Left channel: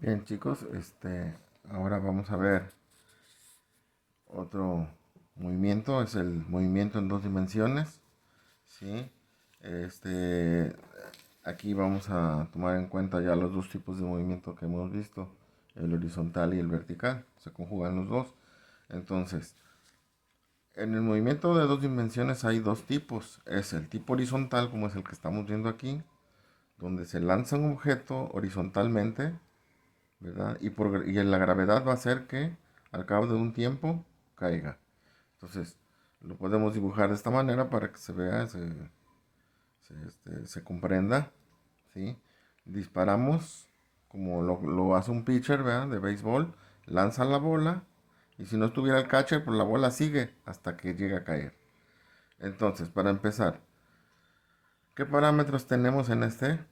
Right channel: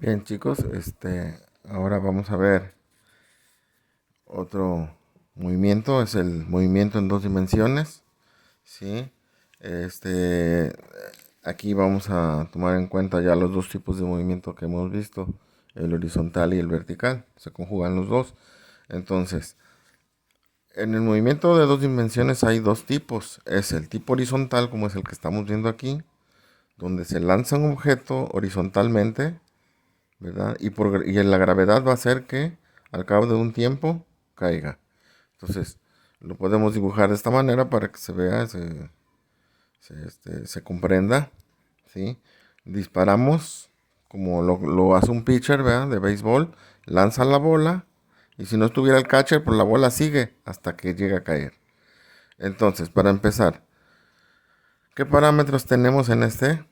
Bien, chicos, ahora vamos a ver otro movimiento, es el movimiento en dos dimensiones, ¿sí? Este, Aquí vamos a tomar en cuenta ya los dos tipos de movimiento que hemos visto, el horizontal y el vertical, se conjugan los dos. Entonces, en el movimiento de dos dimensiones hay dos tipos, es el tipo horizontal, como es el que estamos viendo aquí, donde se lanza un objeto horizontalmente, ¿verdad? Y la gravedad va a hacer que al cabo de un tiempo caiga. Entonces, lo podemos dibujar de esta manera para que se vea, se comprenda, ¿sí? Disparamos como lo hace un pitcher, ¿verdad? De béisbol, lanza la bola y si no estuviera el catcher, pues la bola sigue hasta que llega a caer. Entonces, para empezar, ¿qué parámetros tenemos en este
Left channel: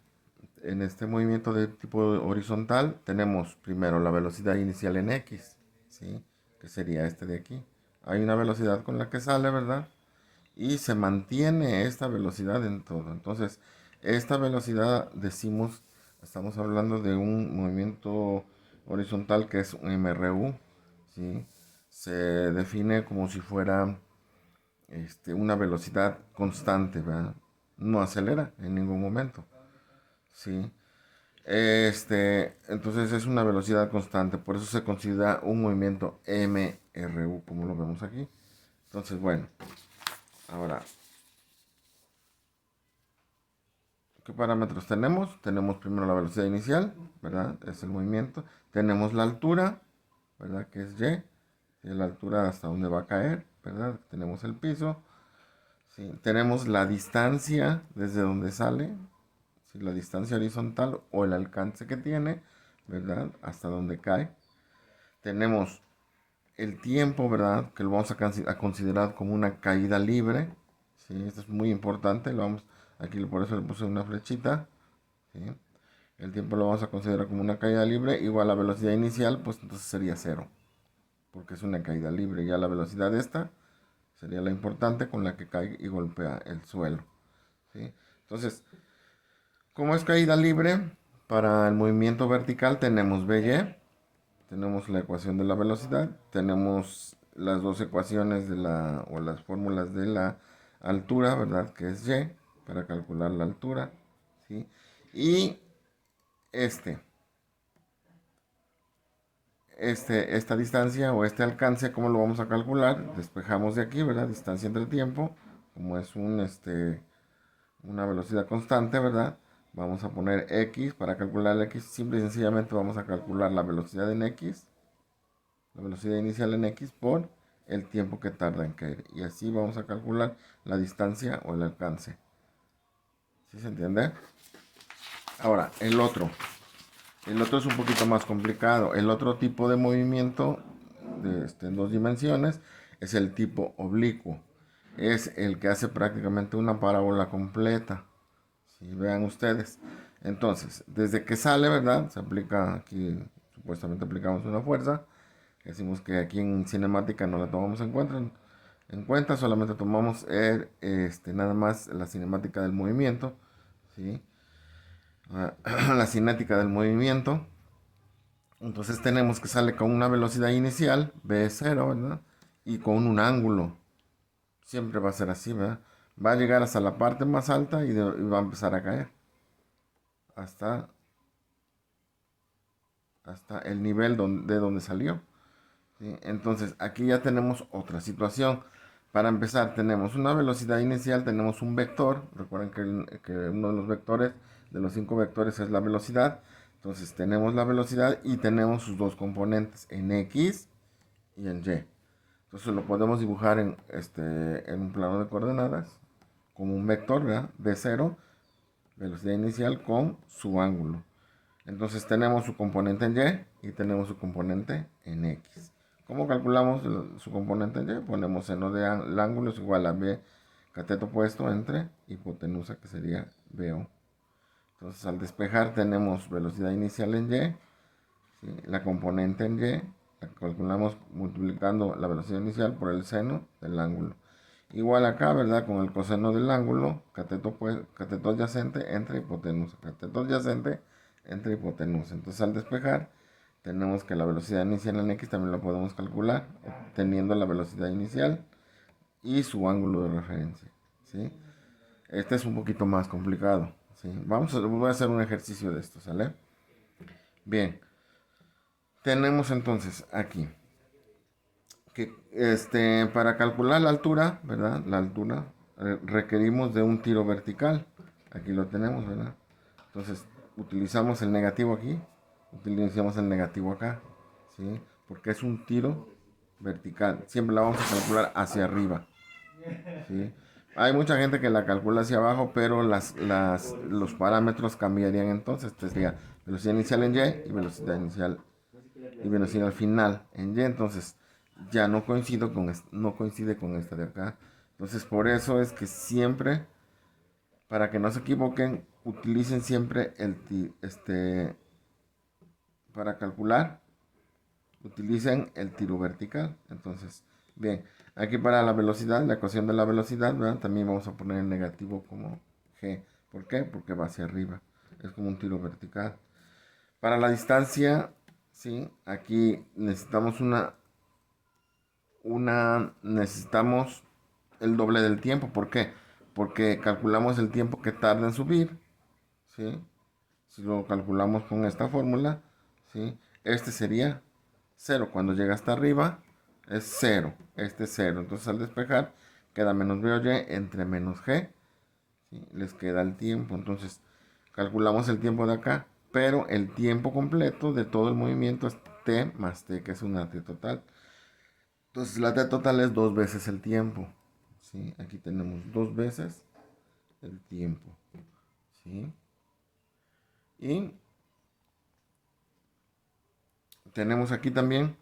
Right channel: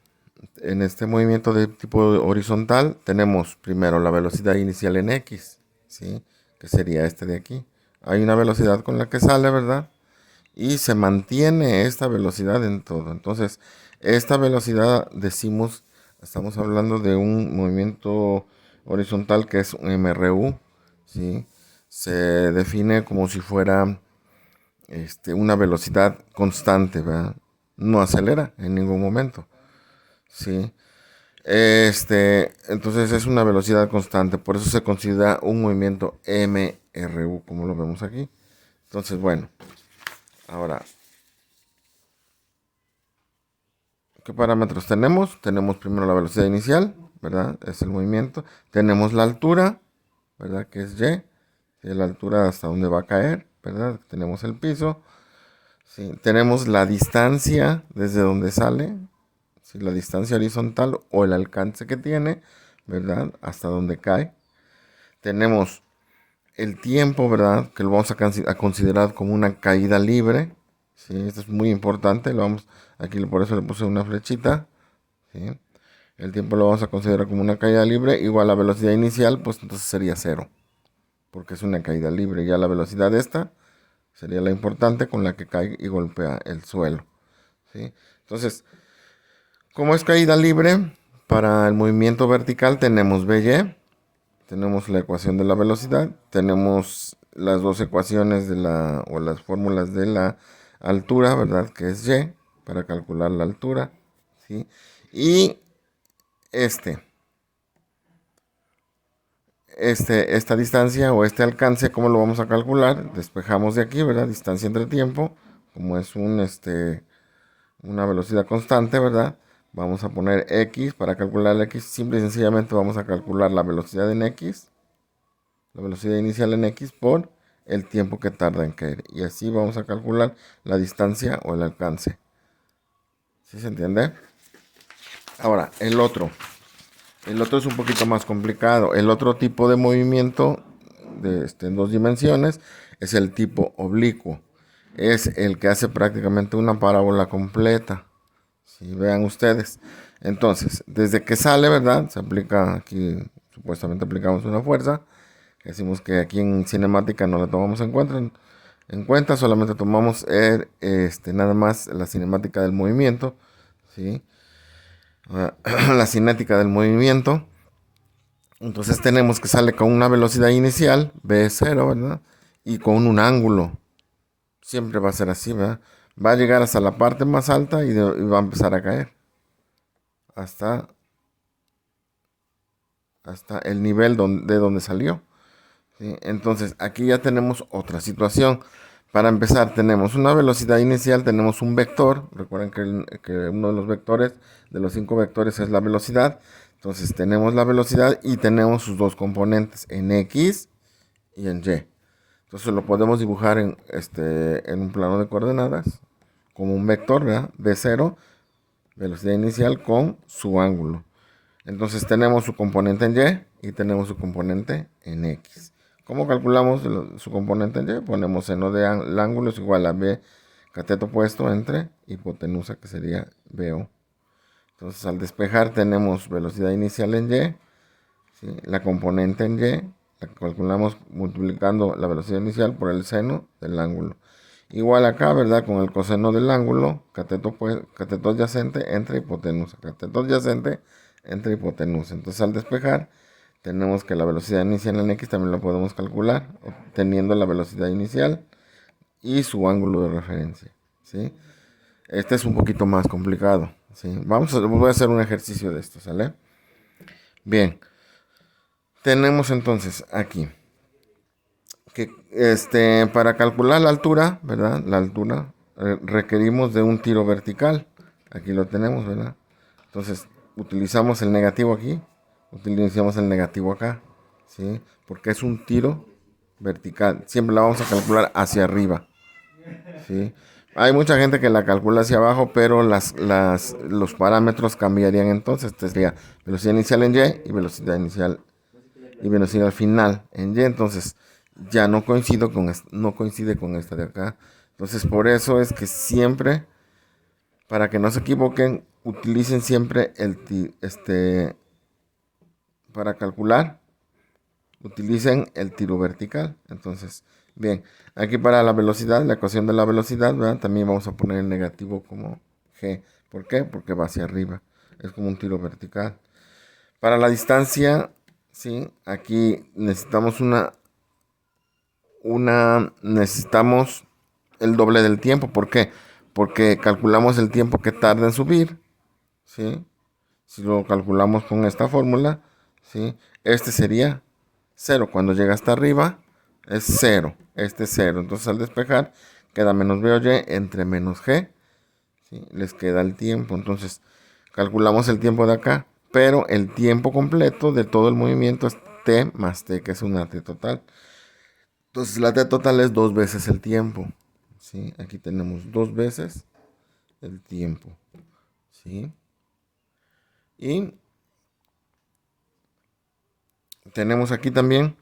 movimiento de tipo horizontal? Tenemos primero la velocidad inicial en X, ¿sí? Que sería este de aquí. Hay una velocidad con la que sale, ¿verdad? Y se mantiene esta velocidad en todo. Entonces, esta velocidad decimos, estamos hablando de un movimiento horizontal que es un MRU, ¿sí? Se define como si fuera una velocidad constante, ¿verdad? No acelera en ningún momento, ¿sí? Entonces es una velocidad constante, por eso se considera un movimiento MRU, como lo vemos aquí. Entonces, bueno, ahora, ¿qué parámetros tenemos? Tenemos primero la velocidad inicial, ¿verdad? Es el movimiento. Tenemos la altura, ¿verdad? Que es Y, ¿sí? La altura hasta donde va a caer, ¿verdad? Tenemos el piso, ¿sí? Tenemos la distancia desde donde sale, ¿sí? La distancia horizontal o el alcance que tiene, ¿verdad? Hasta donde cae. Tenemos el tiempo, ¿verdad? Que lo vamos a considerar como una caída libre. ¿Sí? Esto es muy importante. Aquí por eso le puse una flechita. ¿Sí? El tiempo lo vamos a considerar como una caída libre. Igual la velocidad inicial, pues entonces sería cero. Porque es una caída libre. Ya la velocidad de esta sería la importante con la que cae y golpea el suelo. ¿Sí? Entonces, como es caída libre, para el movimiento vertical tenemos By. Tenemos la ecuación de la velocidad, tenemos las dos ecuaciones o las fórmulas de la altura, ¿verdad? Que es y, para calcular la altura, ¿sí? Y este, esta distancia o este alcance, ¿cómo lo vamos a calcular? Despejamos de aquí, ¿verdad? Distancia entre tiempo, como es una velocidad constante, ¿verdad? Vamos a poner x para calcular la x, simple y sencillamente vamos a calcular la velocidad en x, la velocidad inicial en x por el tiempo que tarda en caer. Y así vamos a calcular la distancia o el alcance. ¿Sí se entiende? Ahora, el otro. El otro es un poquito más complicado. El otro tipo de movimiento en dos dimensiones es el tipo oblicuo. Es el que hace prácticamente una parábola completa. Si vean ustedes. Entonces, desde que sale, ¿verdad? Se aplica aquí, supuestamente aplicamos una fuerza. Decimos que aquí en cinemática no la tomamos en cuenta, solamente tomamos nada más la cinemática del movimiento, ¿sí? La cinética del movimiento. Entonces tenemos que sale con una velocidad inicial, V0, ¿verdad? Y con un ángulo. Siempre va a ser así, ¿verdad? Va a llegar hasta la parte más alta y va a empezar a caer. Hasta, hasta el nivel de donde salió. ¿Sí? Entonces, aquí ya tenemos otra situación. Para empezar, tenemos una velocidad inicial, tenemos un vector. Recuerden que uno de los vectores, de los 5 vectores, es la velocidad. Entonces, tenemos la velocidad y tenemos sus dos componentes, en X y en Y. Entonces, lo podemos dibujar en un plano de coordenadas, como un vector, ¿verdad? De 0, velocidad inicial con su ángulo. Entonces tenemos su componente en Y y tenemos su componente en X. ¿Cómo calculamos su componente en Y? Ponemos seno del ángulo es igual a B cateto opuesto entre hipotenusa, que sería BO. Entonces al despejar tenemos velocidad inicial en Y, ¿sí? La componente en Y, la calculamos multiplicando la velocidad inicial por el seno del ángulo. Igual acá, ¿verdad? Con el coseno del ángulo, cateto adyacente entre hipotenusa. Cateto adyacente entre hipotenusa. Entonces al despejar tenemos que la velocidad inicial en X también la podemos calcular, obteniendo la velocidad inicial y su ángulo de referencia, ¿sí? Este es un poquito más complicado, ¿sí? Voy a hacer un ejercicio de esto, ¿sale? Bien, tenemos entonces aquí que para calcular la altura, ¿verdad? La altura requerimos de un tiro vertical. Aquí lo tenemos, ¿verdad? Entonces, utilizamos el negativo aquí, utilizamos el negativo acá, ¿sí? Porque es un tiro vertical. Siempre la vamos a calcular hacia arriba, ¿sí? Hay mucha gente que la calcula hacia abajo, pero los parámetros cambiarían entonces. Sería velocidad inicial en Y y velocidad final en Y. Entonces, ya no coincide con esta de acá. Entonces, por eso es que siempre, para que no se equivoquen, utilicen siempre para calcular, utilicen el tiro vertical. Entonces, bien, aquí para la velocidad, la ecuación de la velocidad, ¿verdad? También vamos a poner el negativo como G. ¿Por qué? Porque va hacia arriba. Es como un tiro vertical. Para la distancia, sí, aquí necesitamos el doble del tiempo. ¿Por qué? Porque calculamos el tiempo que tarda en subir, ¿sí? Si lo calculamos con esta fórmula, ¿sí? Este sería cero. Cuando llega hasta arriba, es cero. Este es cero. Entonces al despejar, queda menos B o Y entre menos G, ¿sí? Les queda el tiempo. Entonces calculamos el tiempo de acá, pero el tiempo completo de todo el movimiento es T más T, que es una T total. Entonces la T total es dos veces el tiempo, ¿sí? Aquí tenemos dos veces el tiempo, ¿sí? Y tenemos aquí también,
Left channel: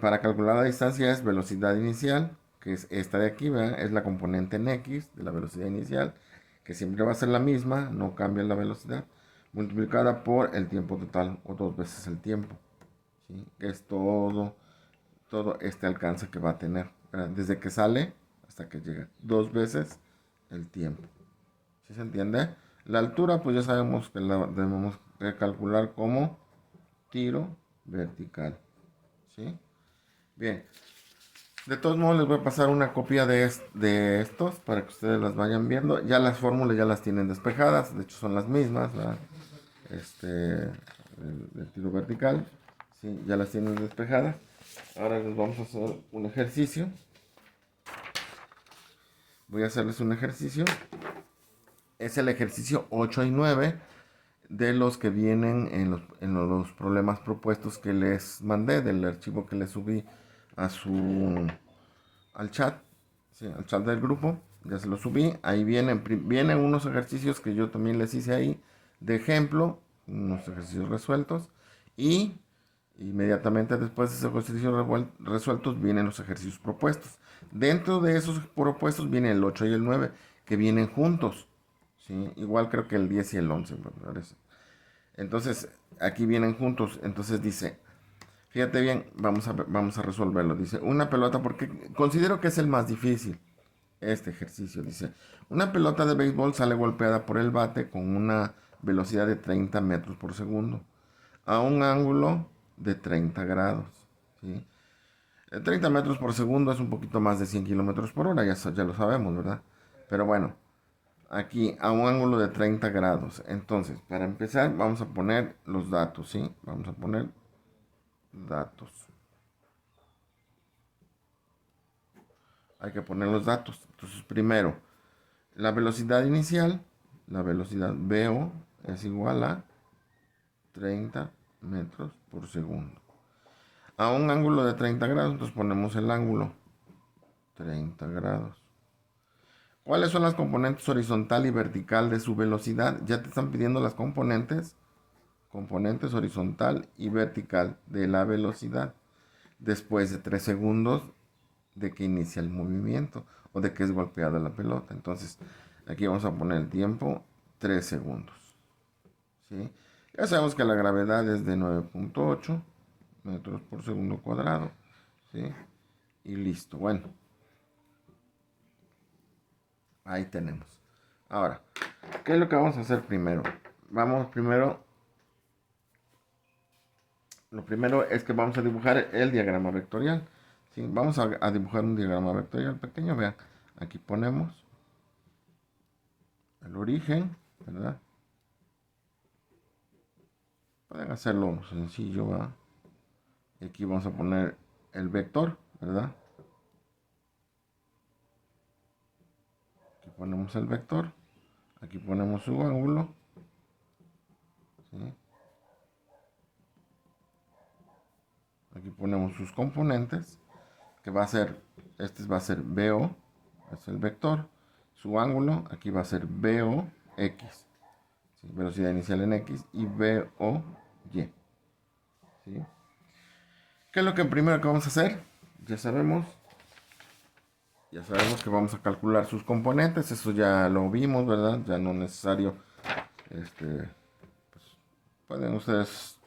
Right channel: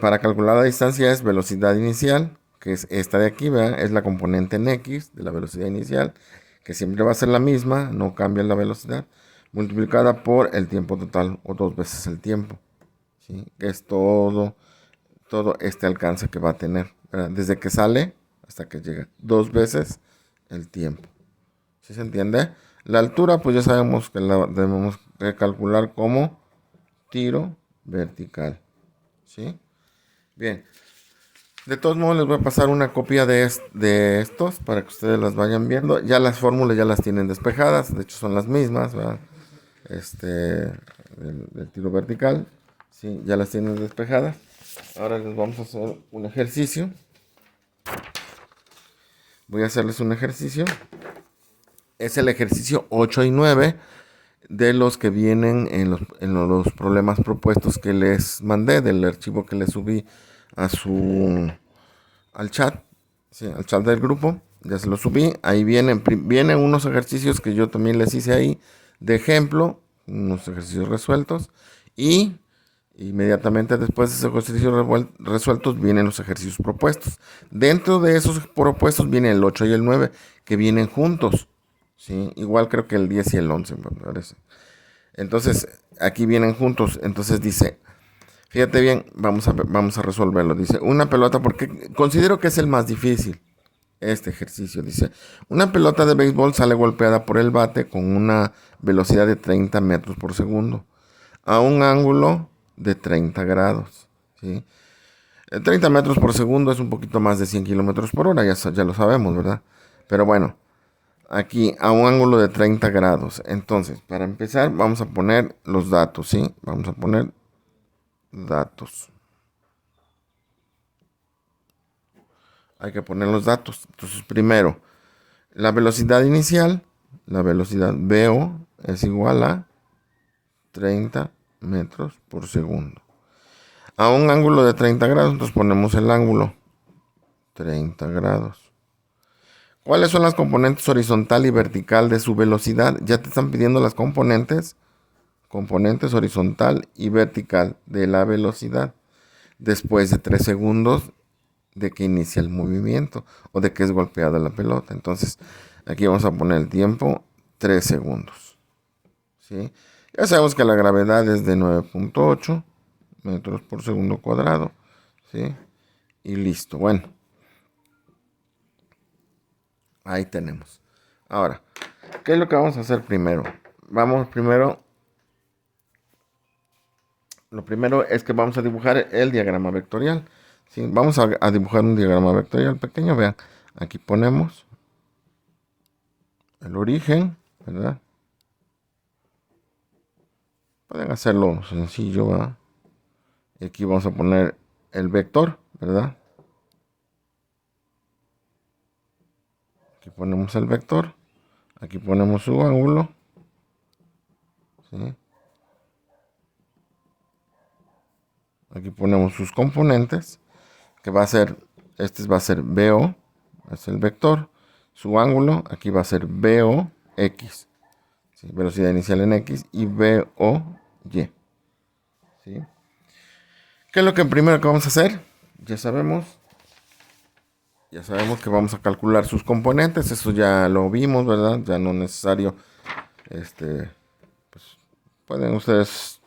para calcular la distancia es velocidad inicial, que es esta de aquí, ¿verdad? Es la componente en X de la velocidad inicial, que siempre va a ser la misma, no cambia la velocidad, multiplicada por el tiempo total o dos veces el tiempo, ¿sí? Que es todo este alcance que va a tener, ¿verdad? Desde que sale hasta que llega, dos veces el tiempo. ¿Sí se entiende? La altura, pues ya sabemos que la debemos de calcular como tiro vertical. ¿Sí? Bien. De todos modos, les voy a pasar una copia de estos para que ustedes las vayan viendo. Ya las fórmulas ya las tienen despejadas, de hecho son las mismas, ¿verdad? Del tiro vertical, ¿sí? Ya las tienen despejadas. Ahora les vamos a hacer un ejercicio. Voy a hacerles un ejercicio. Es el ejercicio 8 y 9 de los que vienen en los problemas propuestos que les mandé, del archivo que les subí a al chat, ¿sí? Al chat del grupo. Ya se lo subí. Ahí vienen unos ejercicios que yo también les hice ahí de ejemplo, unos ejercicios resueltos. Y inmediatamente después de esos ejercicios resueltos vienen los ejercicios propuestos. Dentro de esos propuestos vienen el 8 y el 9 que vienen juntos. ¿Sí? Igual creo que el 10 y el 11 me parece. Entonces, aquí vienen juntos. Entonces dice, fíjate bien, vamos a resolverlo. Dice, una pelota, porque considero que es el más difícil, este ejercicio. Dice, una pelota de béisbol sale golpeada por el bate con una velocidad de 30 metros por segundo, a un ángulo de 30 grados. ¿Sí? 30 metros por segundo es un poquito más de 100 kilómetros por hora, ya lo sabemos, ¿verdad? Pero bueno, aquí a un ángulo de 30 grados. Entonces, para empezar, vamos a poner los datos, ¿sí? Vamos a poner datos. Hay que poner los datos. Entonces, primero, la velocidad inicial, la velocidad VO es igual a 30 metros por segundo. A un ángulo de 30 grados, entonces ponemos el ángulo 30 grados. ¿Cuáles son las componentes horizontal y vertical de su velocidad? Ya te están pidiendo las componentes horizontal y vertical de la velocidad después de 3 segundos de que inicia el movimiento o de que es golpeada la pelota. Entonces, aquí vamos a poner el tiempo 3 segundos. ¿Sí? Ya sabemos que la gravedad es de 9.8 metros por segundo cuadrado. ¿Sí? Y listo. Bueno, ahí tenemos. Ahora, ¿qué es lo que vamos a hacer primero? Vamos primero lo primero es que vamos a dibujar el diagrama vectorial. ¿Sí? Vamos a dibujar un diagrama vectorial pequeño. Vean, aquí ponemos el origen, ¿verdad? Pueden hacerlo sencillo, ¿verdad? Y aquí vamos a poner el vector, ¿verdad? Aquí ponemos el vector. Aquí ponemos su ángulo. ¿Sí? Aquí ponemos sus componentes, que va a ser, este va a ser BO, es el vector. Su ángulo, aquí va a ser BOX, ¿sí? Velocidad inicial en X, y BOY. ¿Sí? ¿Qué es lo que primero que vamos a hacer? Ya sabemos, ya sabemos que vamos a calcular sus componentes, eso ya lo vimos, ¿verdad? Ya no es necesario, este, pueden ustedes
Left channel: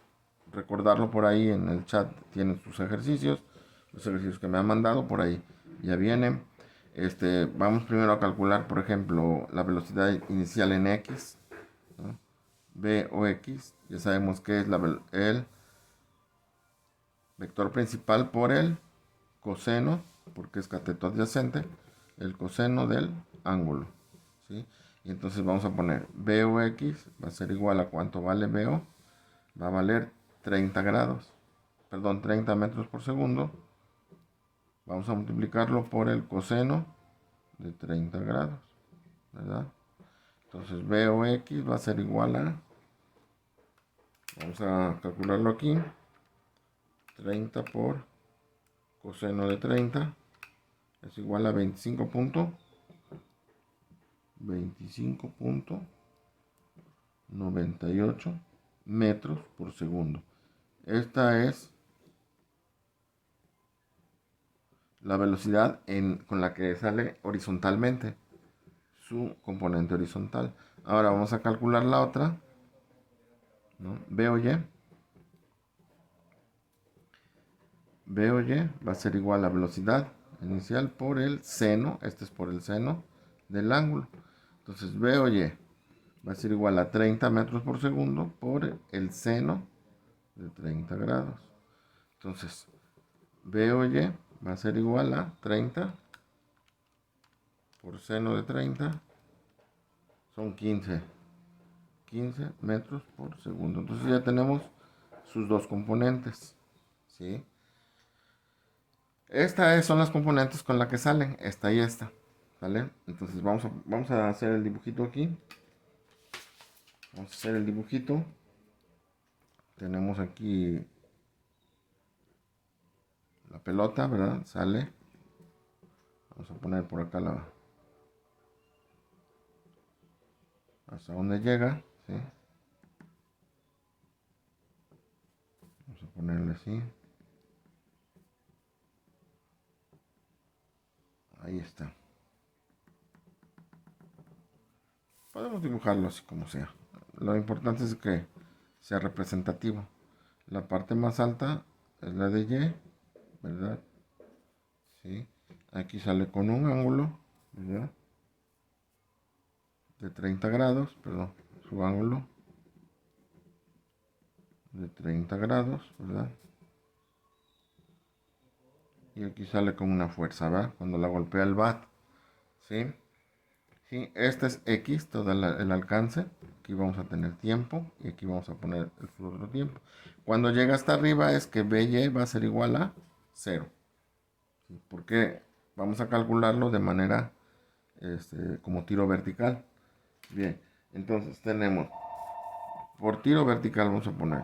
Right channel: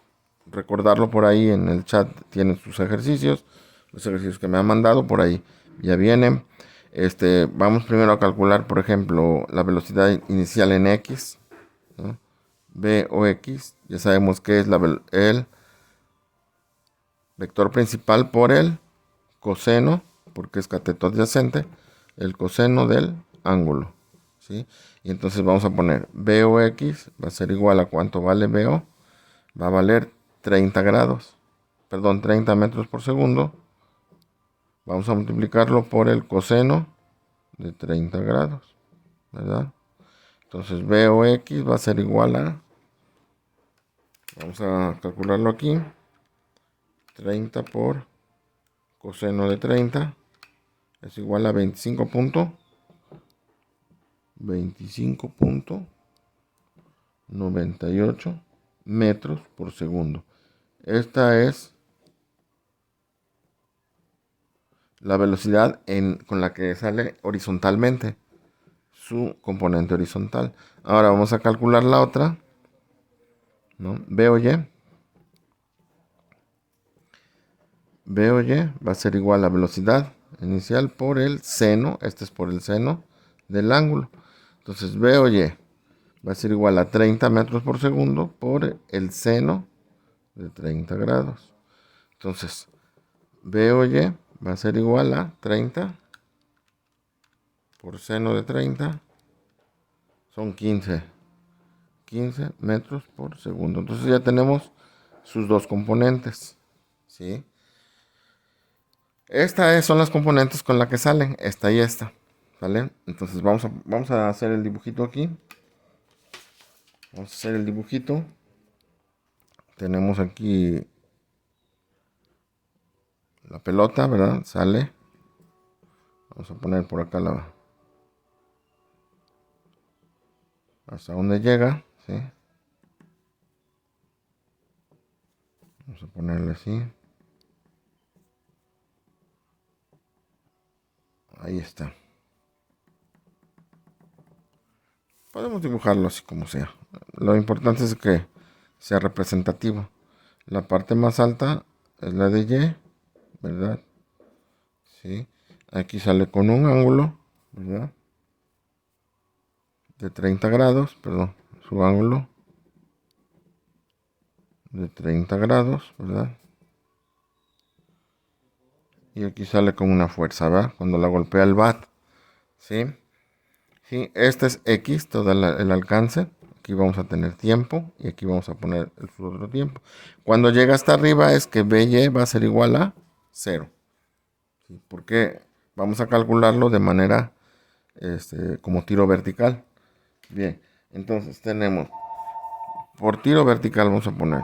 recordarlo por ahí en el chat, tienen sus ejercicios, los ejercicios que me han mandado por ahí ya vienen. Vamos primero a calcular, por ejemplo, la velocidad inicial en X, ¿no? B o X, ya sabemos que es el vector principal por el coseno, porque es cateto adyacente, el coseno del ángulo, ¿sí? Y entonces vamos a poner BOX, va a ser igual a cuánto vale BO, va a valer 30 grados, perdón, 30 metros por segundo. Vamos a multiplicarlo por el coseno de 30 grados, ¿verdad? Entonces BOX va a ser igual a, vamos a calcularlo aquí, 30 por coseno de 30 es igual a 25.98 metros por segundo. Esta es la velocidad con la que sale horizontalmente su componente horizontal. Ahora vamos a calcular la otra, ¿no? B o Y. B o Y va a ser igual a velocidad inicial por el seno, este es por el seno del ángulo. Entonces B o Y va a ser igual a 30 metros por segundo por el seno de 30 grados. Entonces B o Y va a ser igual a 30 por seno de 30, son 15 metros por segundo. Entonces ya tenemos sus dos componentes, ¿sí? Estas son las componentes con las que salen, esta y esta, ¿vale? Entonces vamos a hacer el dibujito aquí. Vamos a hacer el dibujito. Tenemos aquí la pelota, ¿verdad? Sale. Vamos a poner por acá hasta donde llega, ¿sí? Vamos a ponerle así. Ahí está. Podemos dibujarlo así como sea. Lo importante es que sea representativo. La parte más alta es la de Y, ¿verdad? Sí. Aquí sale con un ángulo, ¿verdad? De 30 grados, perdón, su ángulo de 30 grados, ¿verdad? Y aquí sale con una fuerza, ¿verdad? Cuando la golpea el bat, ¿sí? Sí, este es X, todo el alcance. Aquí vamos a tener tiempo y aquí vamos a poner el otro tiempo. Cuando llega hasta arriba es que BY va a ser igual a 0. ¿Sí? Porque vamos a calcularlo de manera como tiro vertical. Bien, entonces tenemos por tiro vertical vamos a poner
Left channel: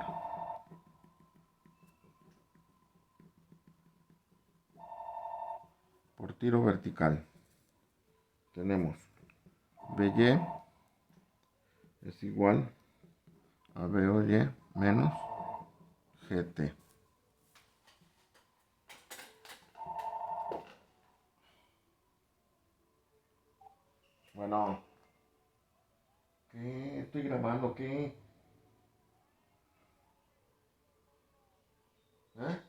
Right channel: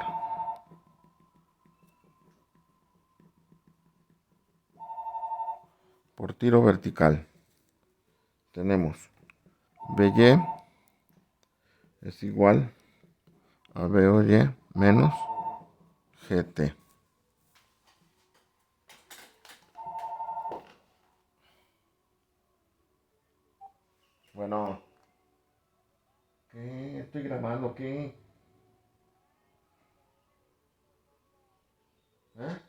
por tiro vertical. Tenemos BY es igual a BOY menos GT. Bueno, ¿qué? Estoy grabando, ¿qué? ¿Eh?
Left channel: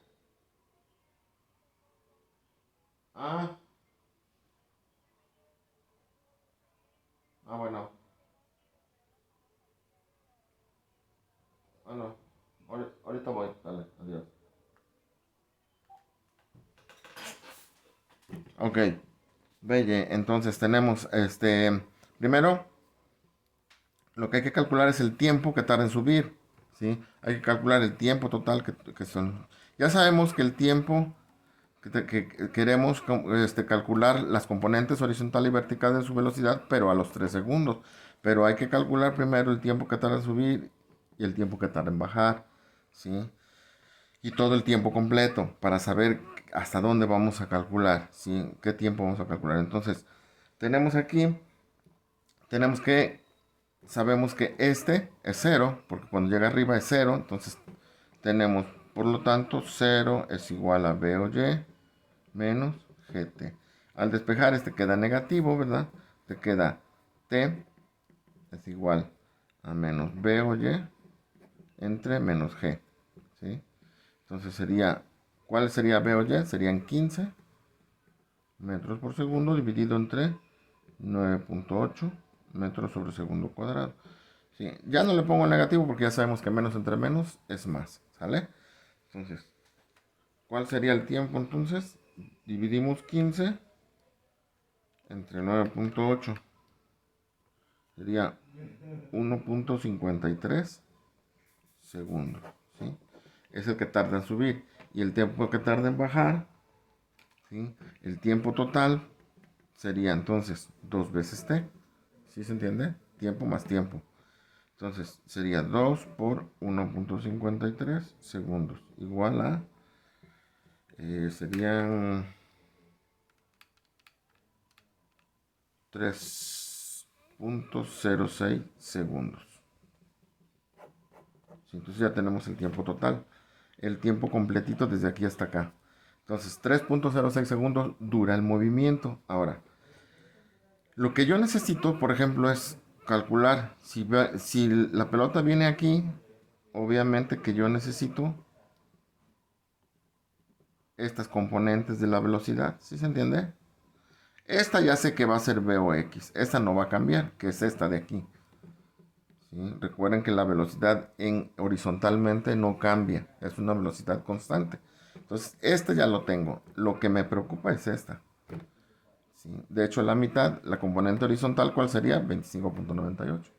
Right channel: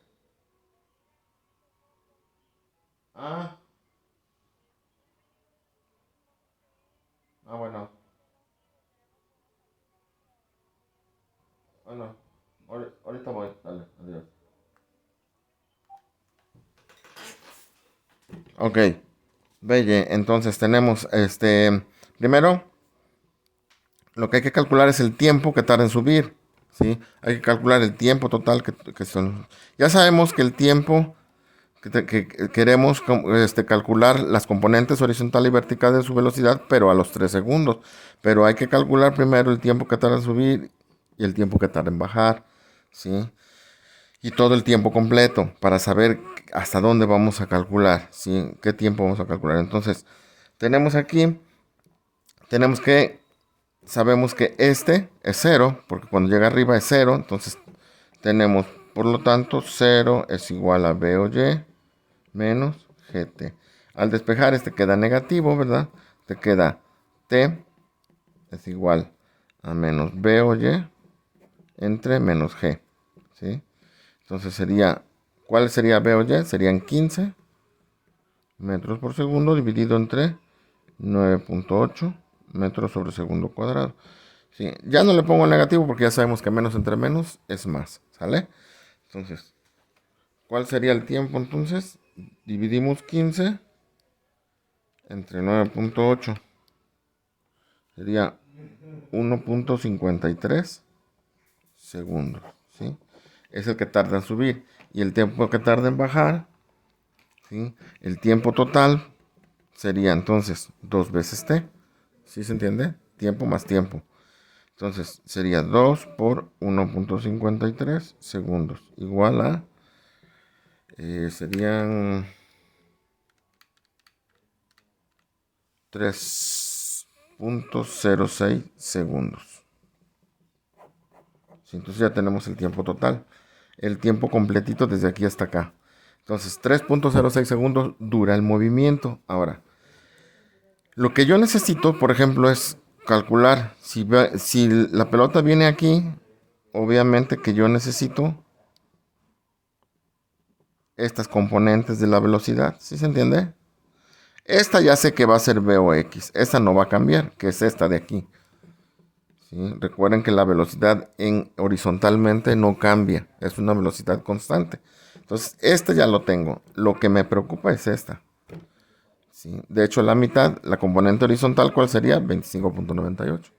Ah, bueno, bueno, ahorita voy, dale, adiós. Ok, Belle, entonces tenemos primero lo que hay que calcular es el tiempo que tarda en subir, ¿sí? Hay que calcular el tiempo total que son. Ya sabemos que el tiempo que queremos calcular las componentes horizontal y vertical de su velocidad, pero a los 3 segundos. Pero hay que calcular primero el tiempo que tarda en subir y el tiempo que tarda en bajar, ¿sí? Y todo el tiempo completo para saber hasta dónde vamos a calcular, ¿sí? ¿Qué tiempo vamos a calcular? Entonces, tenemos aquí, tenemos que, sabemos que este es cero, porque cuando llega arriba es cero, entonces tenemos, por lo tanto, cero es igual a B o Y menos GT. Al despejar este queda negativo, ¿verdad? Te queda T es igual a menos B o Y entre menos G, ¿sí? Entonces sería, ¿cuál sería B o Y? Serían 15 metros por segundo dividido entre 9.8 metros sobre segundo cuadrado. ¿Sí? Ya no le pongo negativo porque ya sabemos que menos entre menos es más, ¿sale? Entonces, ¿cuál sería el tiempo entonces? Dividimos 15 entre 9.8. Sería 1.53 segundos, ¿sí? Es el que tarda en subir. Y el tiempo que tarda en bajar, ¿sí? El tiempo total sería entonces 2 veces t. ¿Sí se entiende? Tiempo más tiempo. Entonces sería 2 por 1.53 segundos. Igual a... serían 3.06 segundos. ¿Sí? Entonces ya tenemos el tiempo total. El tiempo completito desde aquí hasta acá. Entonces 3.06 segundos dura el movimiento. Ahora, lo que yo necesito, por ejemplo, es calcular si la pelota viene aquí, obviamente que yo necesito estas componentes de la velocidad. ¿Sí se entiende? Esta ya sé que va a ser V o X. Esta no va a cambiar, que es esta de aquí. ¿Sí? Recuerden que la velocidad horizontalmente no cambia. Es una velocidad constante. Entonces, esta ya lo tengo. Lo que me preocupa es esta. ¿Sí? De hecho, la mitad, la componente horizontal, ¿cuál sería? 25.98.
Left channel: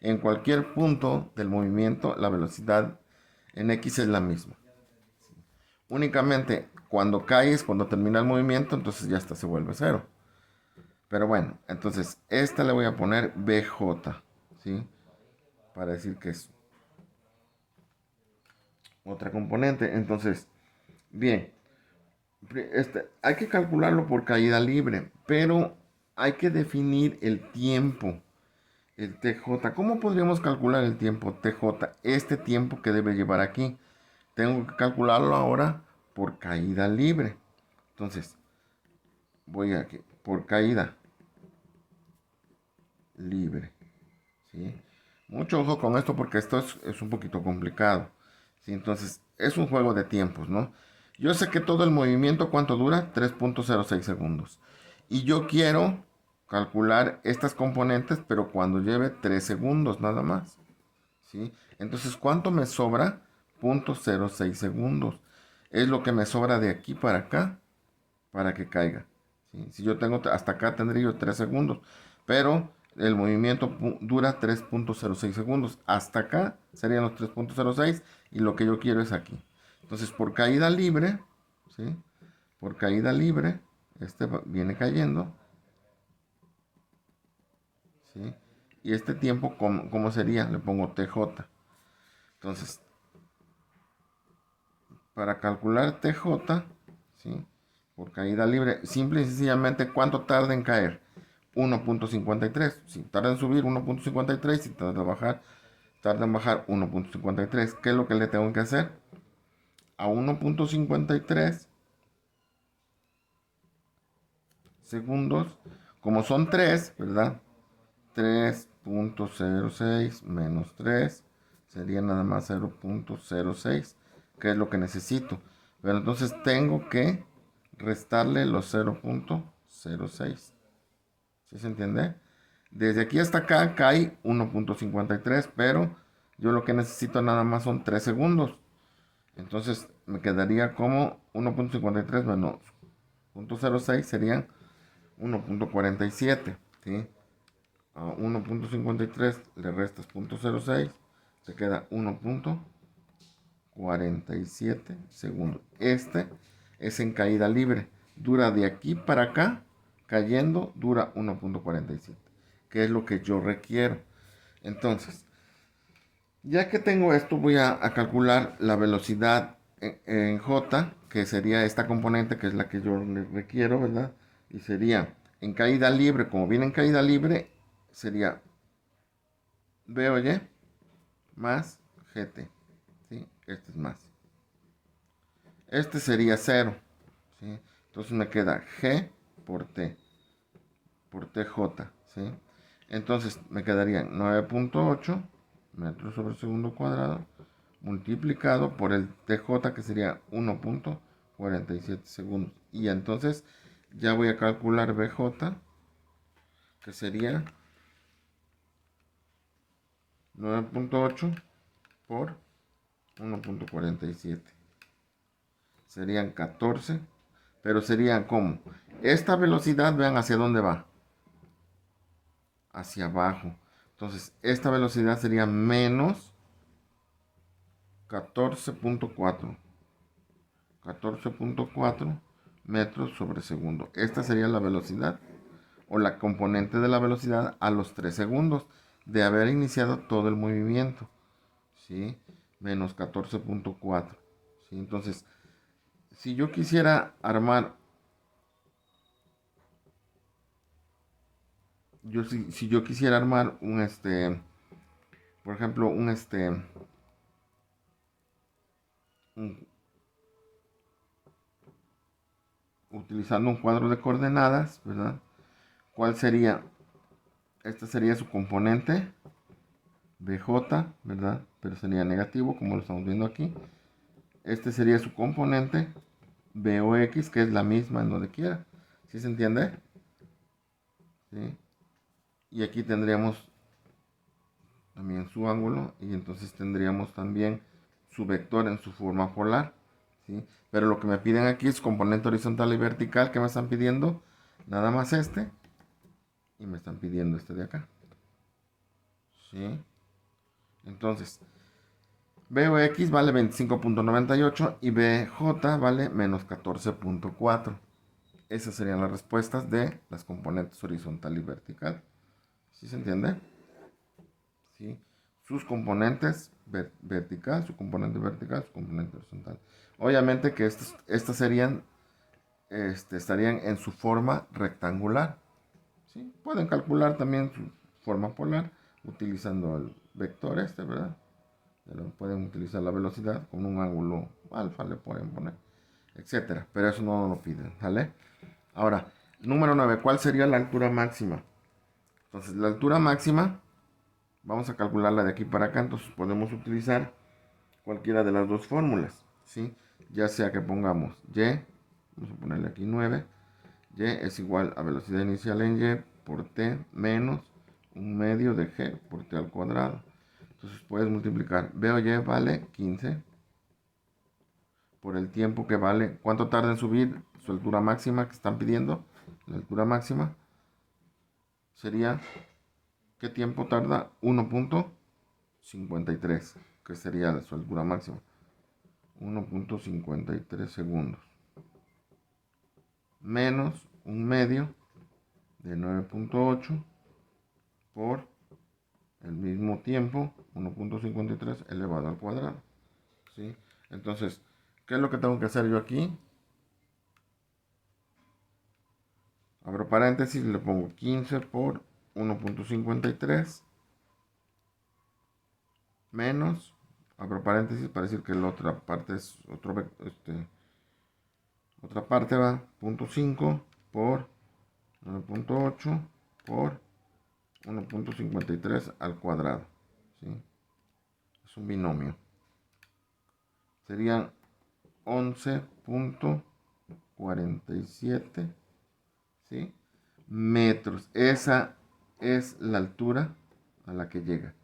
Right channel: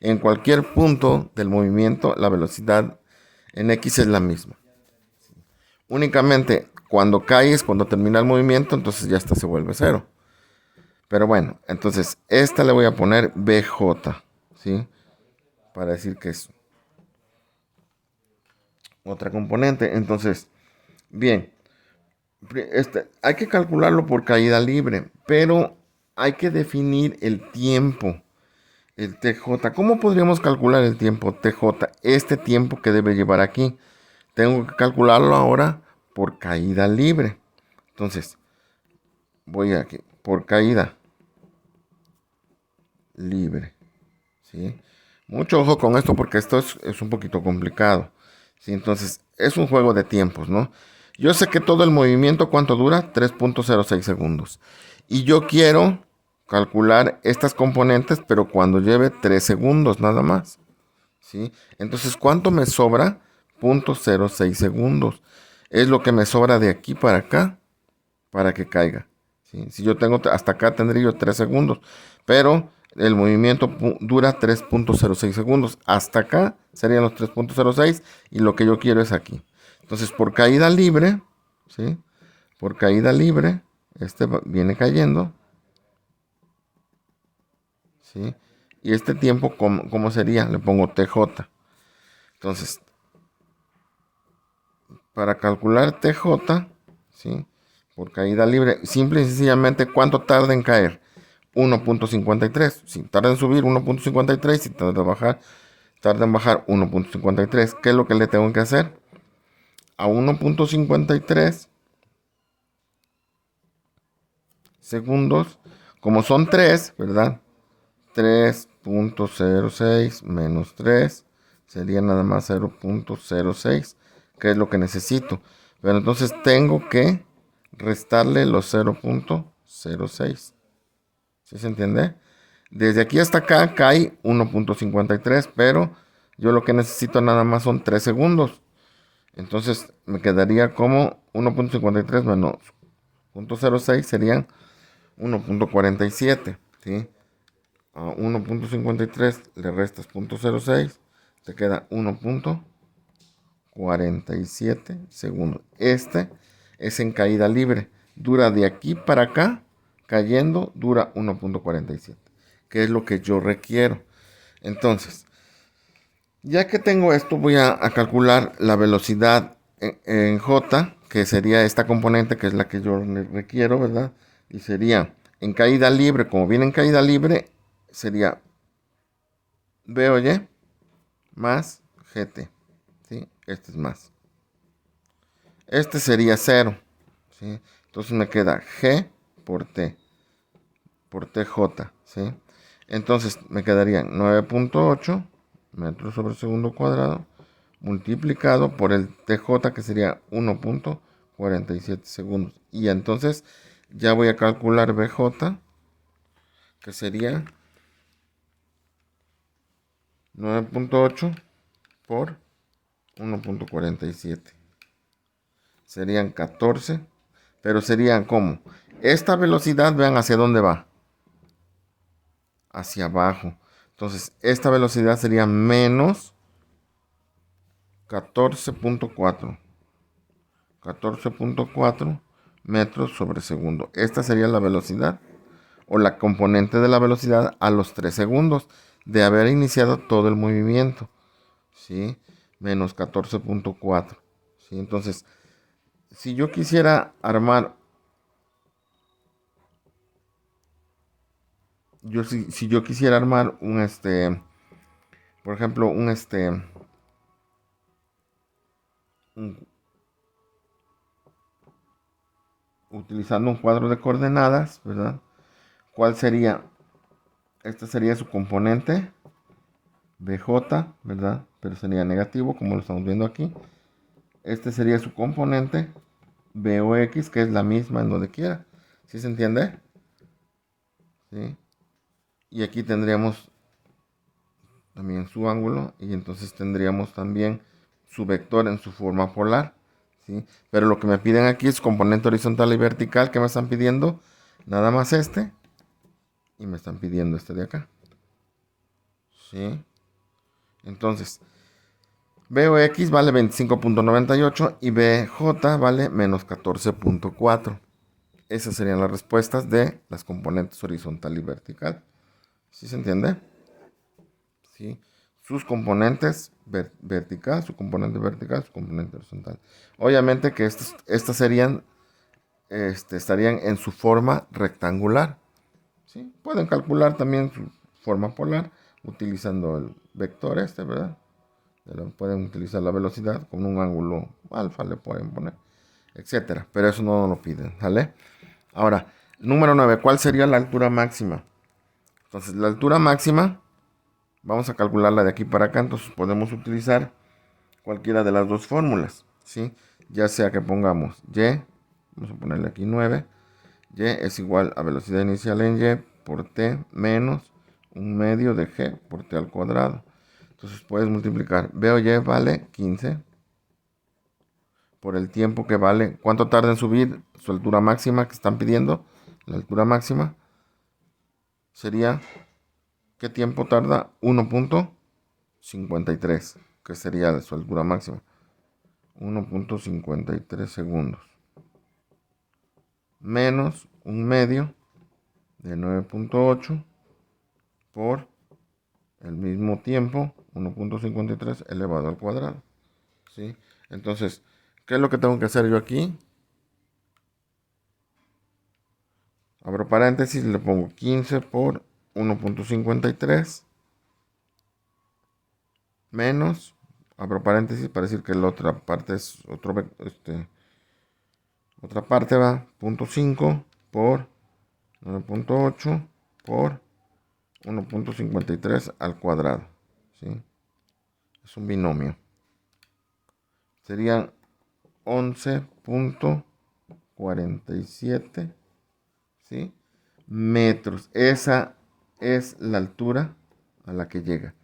En cualquier punto del movimiento, la velocidad en X es la misma. Únicamente cuando caes, cuando termina el movimiento, entonces ya esta se vuelve cero. Pero bueno, entonces esta le voy a poner BJ, ¿sí? Para decir que es otra componente. Entonces, bien, hay que calcularlo por caída libre, pero hay que definir el tiempo, el TJ. ¿Cómo podríamos calcular el tiempo TJ? Este tiempo que debe llevar aquí. Tengo que calcularlo ahora por caída libre. Entonces, voy aquí, por caída libre, ¿sí? Mucho ojo con esto porque esto es un poquito complicado, ¿sí? Entonces, es un juego de tiempos, ¿no? Yo sé que todo el movimiento, ¿cuánto dura? 3.06 segundos. Y yo quiero calcular estas componentes, pero cuando lleve 3 segundos nada más, ¿sí? Entonces, ¿cuánto me sobra? 0.06 segundos. Es lo que me sobra de aquí para acá para que caiga, ¿sí? Si yo tengo hasta acá tendría yo 3 segundos, pero el movimiento dura 3.06 segundos. Hasta acá serían los 3.06 y lo que yo quiero es aquí. Entonces, por caída libre, ¿sí? Por caída libre, viene cayendo, ¿sí? Y este tiempo, ¿cómo sería? Le pongo TJ. Entonces, para calcular TJ, ¿sí? Por caída libre, simple y sencillamente, ¿cuánto tarda en caer? 1.53. Si tarda en subir 1.53, si tarda en bajar 1.53. ¿Qué es lo que le tengo que hacer? A 1.53 segundos, como son 3, ¿verdad? 3.06 menos 3 sería nada más 0.06, que es lo que necesito. Pero entonces tengo que restarle los 0.06. ¿Sí se entiende? Desde aquí hasta acá cae 1.53, pero yo lo que necesito nada más son 3 segundos. Entonces me quedaría como 1.53 menos 0.06 serían 1.47, ¿sí? A 1.53 le restas 0.06, te queda 1.47 segundos. Este es en caída libre. Dura de aquí para acá, cayendo, dura 1.47, que es lo que yo requiero. Entonces, ya que tengo esto, voy a calcular la velocidad en J, que sería esta componente, que es la que yo requiero, ¿verdad? Y sería en caída libre, como viene en caída libre, sería B o Y más GT, ¿sí? Este es más. Este sería 0, ¿sí? Entonces me queda G por TJ, ¿sí? Entonces me quedarían 9.8 metros sobre segundo cuadrado multiplicado por el TJ, que sería 1.47 segundos. Y entonces ya voy a calcular BJ, que sería 9.8 por 1.47. Serían 14, pero serían como esta velocidad, vean hacia dónde va, hacia abajo. Entonces esta velocidad sería menos 14.4 metros sobre segundo. Esta sería la velocidad o la componente de la velocidad a los 3 segundos de haber iniciado todo el movimiento, ¿sí? Menos 14.4, ¿sí? Entonces, si yo quisiera armar, si yo quisiera armar un por ejemplo, un- utilizando un cuadro de coordenadas, ¿verdad? ¿Cuál sería? Esta sería su componente BJ, ¿verdad? Pero sería negativo, como lo estamos viendo aquí. Este sería su componente BOX, que es la misma en donde quiera. ¿Sí se entiende? ¿Sí? Y aquí tendríamos también su ángulo y entonces tendríamos también su vector en su forma polar, ¿sí? Pero lo que me piden aquí es componente horizontal y vertical. ¿Qué me están pidiendo? Nada más este, y me están pidiendo este de acá, ¿sí? Entonces, BOX vale 25.98 y BJ vale menos 14.4. Esas serían las respuestas de las componentes horizontal y vertical. ¿Sí se entiende? ¿Sí? Sus componentes vertical, su componente vertical, su componente horizontal. Obviamente que estas serían, estarían en su forma rectangular. ¿Sí? Pueden calcular también su forma polar utilizando el vector ¿verdad? Pero pueden utilizar la velocidad con un ángulo alfa, le pueden poner, etcétera. Pero eso no lo piden, ¿vale? Ahora, número 9, ¿cuál sería la altura máxima? Entonces, la altura máxima, vamos a calcularla de aquí para acá, entonces podemos utilizar cualquiera de las dos fórmulas, ¿sí? Ya sea que pongamos y, vamos a ponerle aquí 9, y es igual a velocidad inicial en y por t menos un medio de g por t al cuadrado. Entonces puedes multiplicar b o y vale 15 por el tiempo que vale, cuánto tarda en subir su altura máxima que están pidiendo. La altura máxima sería, ¿qué tiempo tarda? 1.53, que sería de su altura máxima. 1.53 segundos. Menos un medio de 9.8 por el mismo tiempo, 1.53 elevado al cuadrado. ¿Sí? Entonces, ¿qué es lo que tengo que hacer yo aquí? Abro paréntesis, le pongo 15 por 1.53 menos, abro paréntesis para decir que la otra parte es otra parte va, 0.5 por 9.8 por 1.53 al cuadrado, ¿sí? Es un binomio. Serían 11.47, ¿sí? Metros. Esa es la altura a la que llega.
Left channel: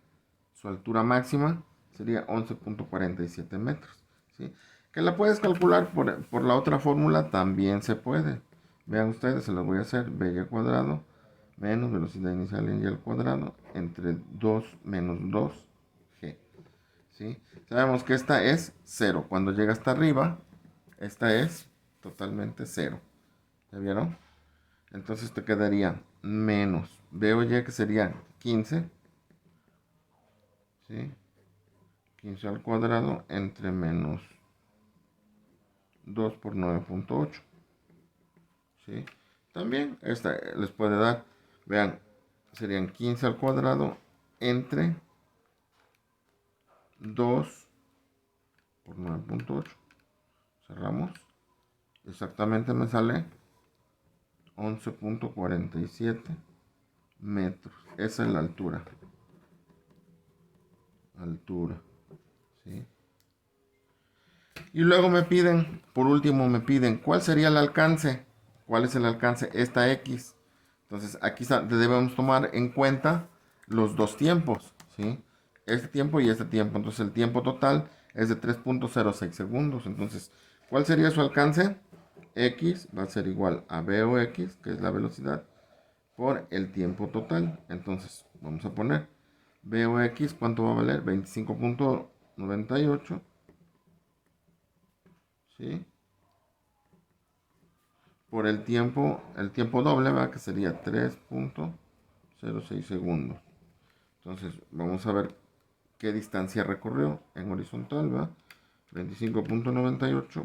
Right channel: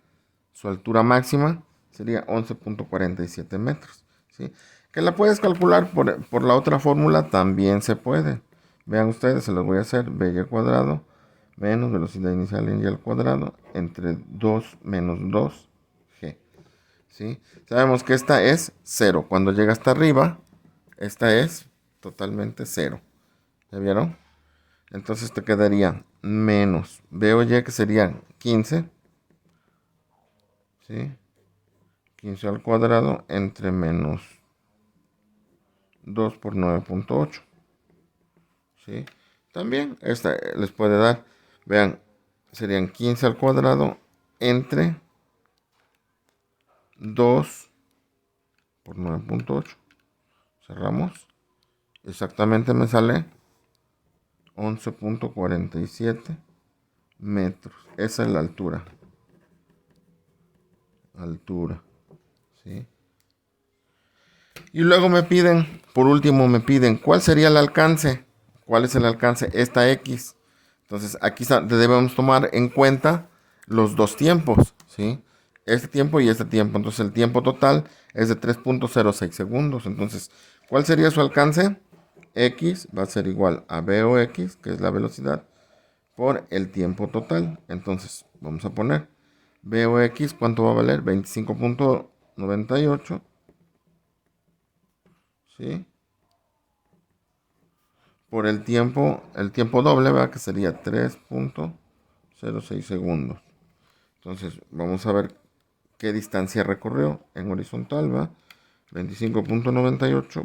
Su altura máxima sería 11.47 metros. ¿sí? Que la puedes calcular por la otra fórmula, también se puede. Vean ustedes, se los voy a hacer. BY cuadrado menos velocidad inicial en Y al cuadrado entre 2 menos 2G. ¿Sí? Sabemos que esta es 0. Cuando llega hasta arriba, esta es totalmente 0. ¿Ya vieron? Entonces te quedaría menos BOY, que sería 15. ¿Sí? 15 al cuadrado entre menos 2 por 9.8. ¿Sí? También esta les puede dar, vean, serían 15 al cuadrado entre 2 por 9.8. Cerramos. Exactamente me sale 11.47 metros. Esa es la altura. Altura. ¿Sí? Y luego me piden, por último me piden, ¿cuál sería el alcance? ¿Cuál es el alcance? Esta X. Entonces aquí debemos tomar en cuenta los dos tiempos, ¿sí? Este tiempo y este tiempo. Entonces el tiempo total es de 3.06 segundos. Entonces, ¿cuál sería su alcance? X va a ser igual a V o X, que es la velocidad, por el tiempo total. Entonces, vamos a poner V o X, ¿cuánto va a valer? 25.98, ¿sí? Por el tiempo doble, ¿verdad? Que sería 3.06 segundos. Entonces, vamos a ver qué distancia recorrió en horizontal, ¿va? 25.98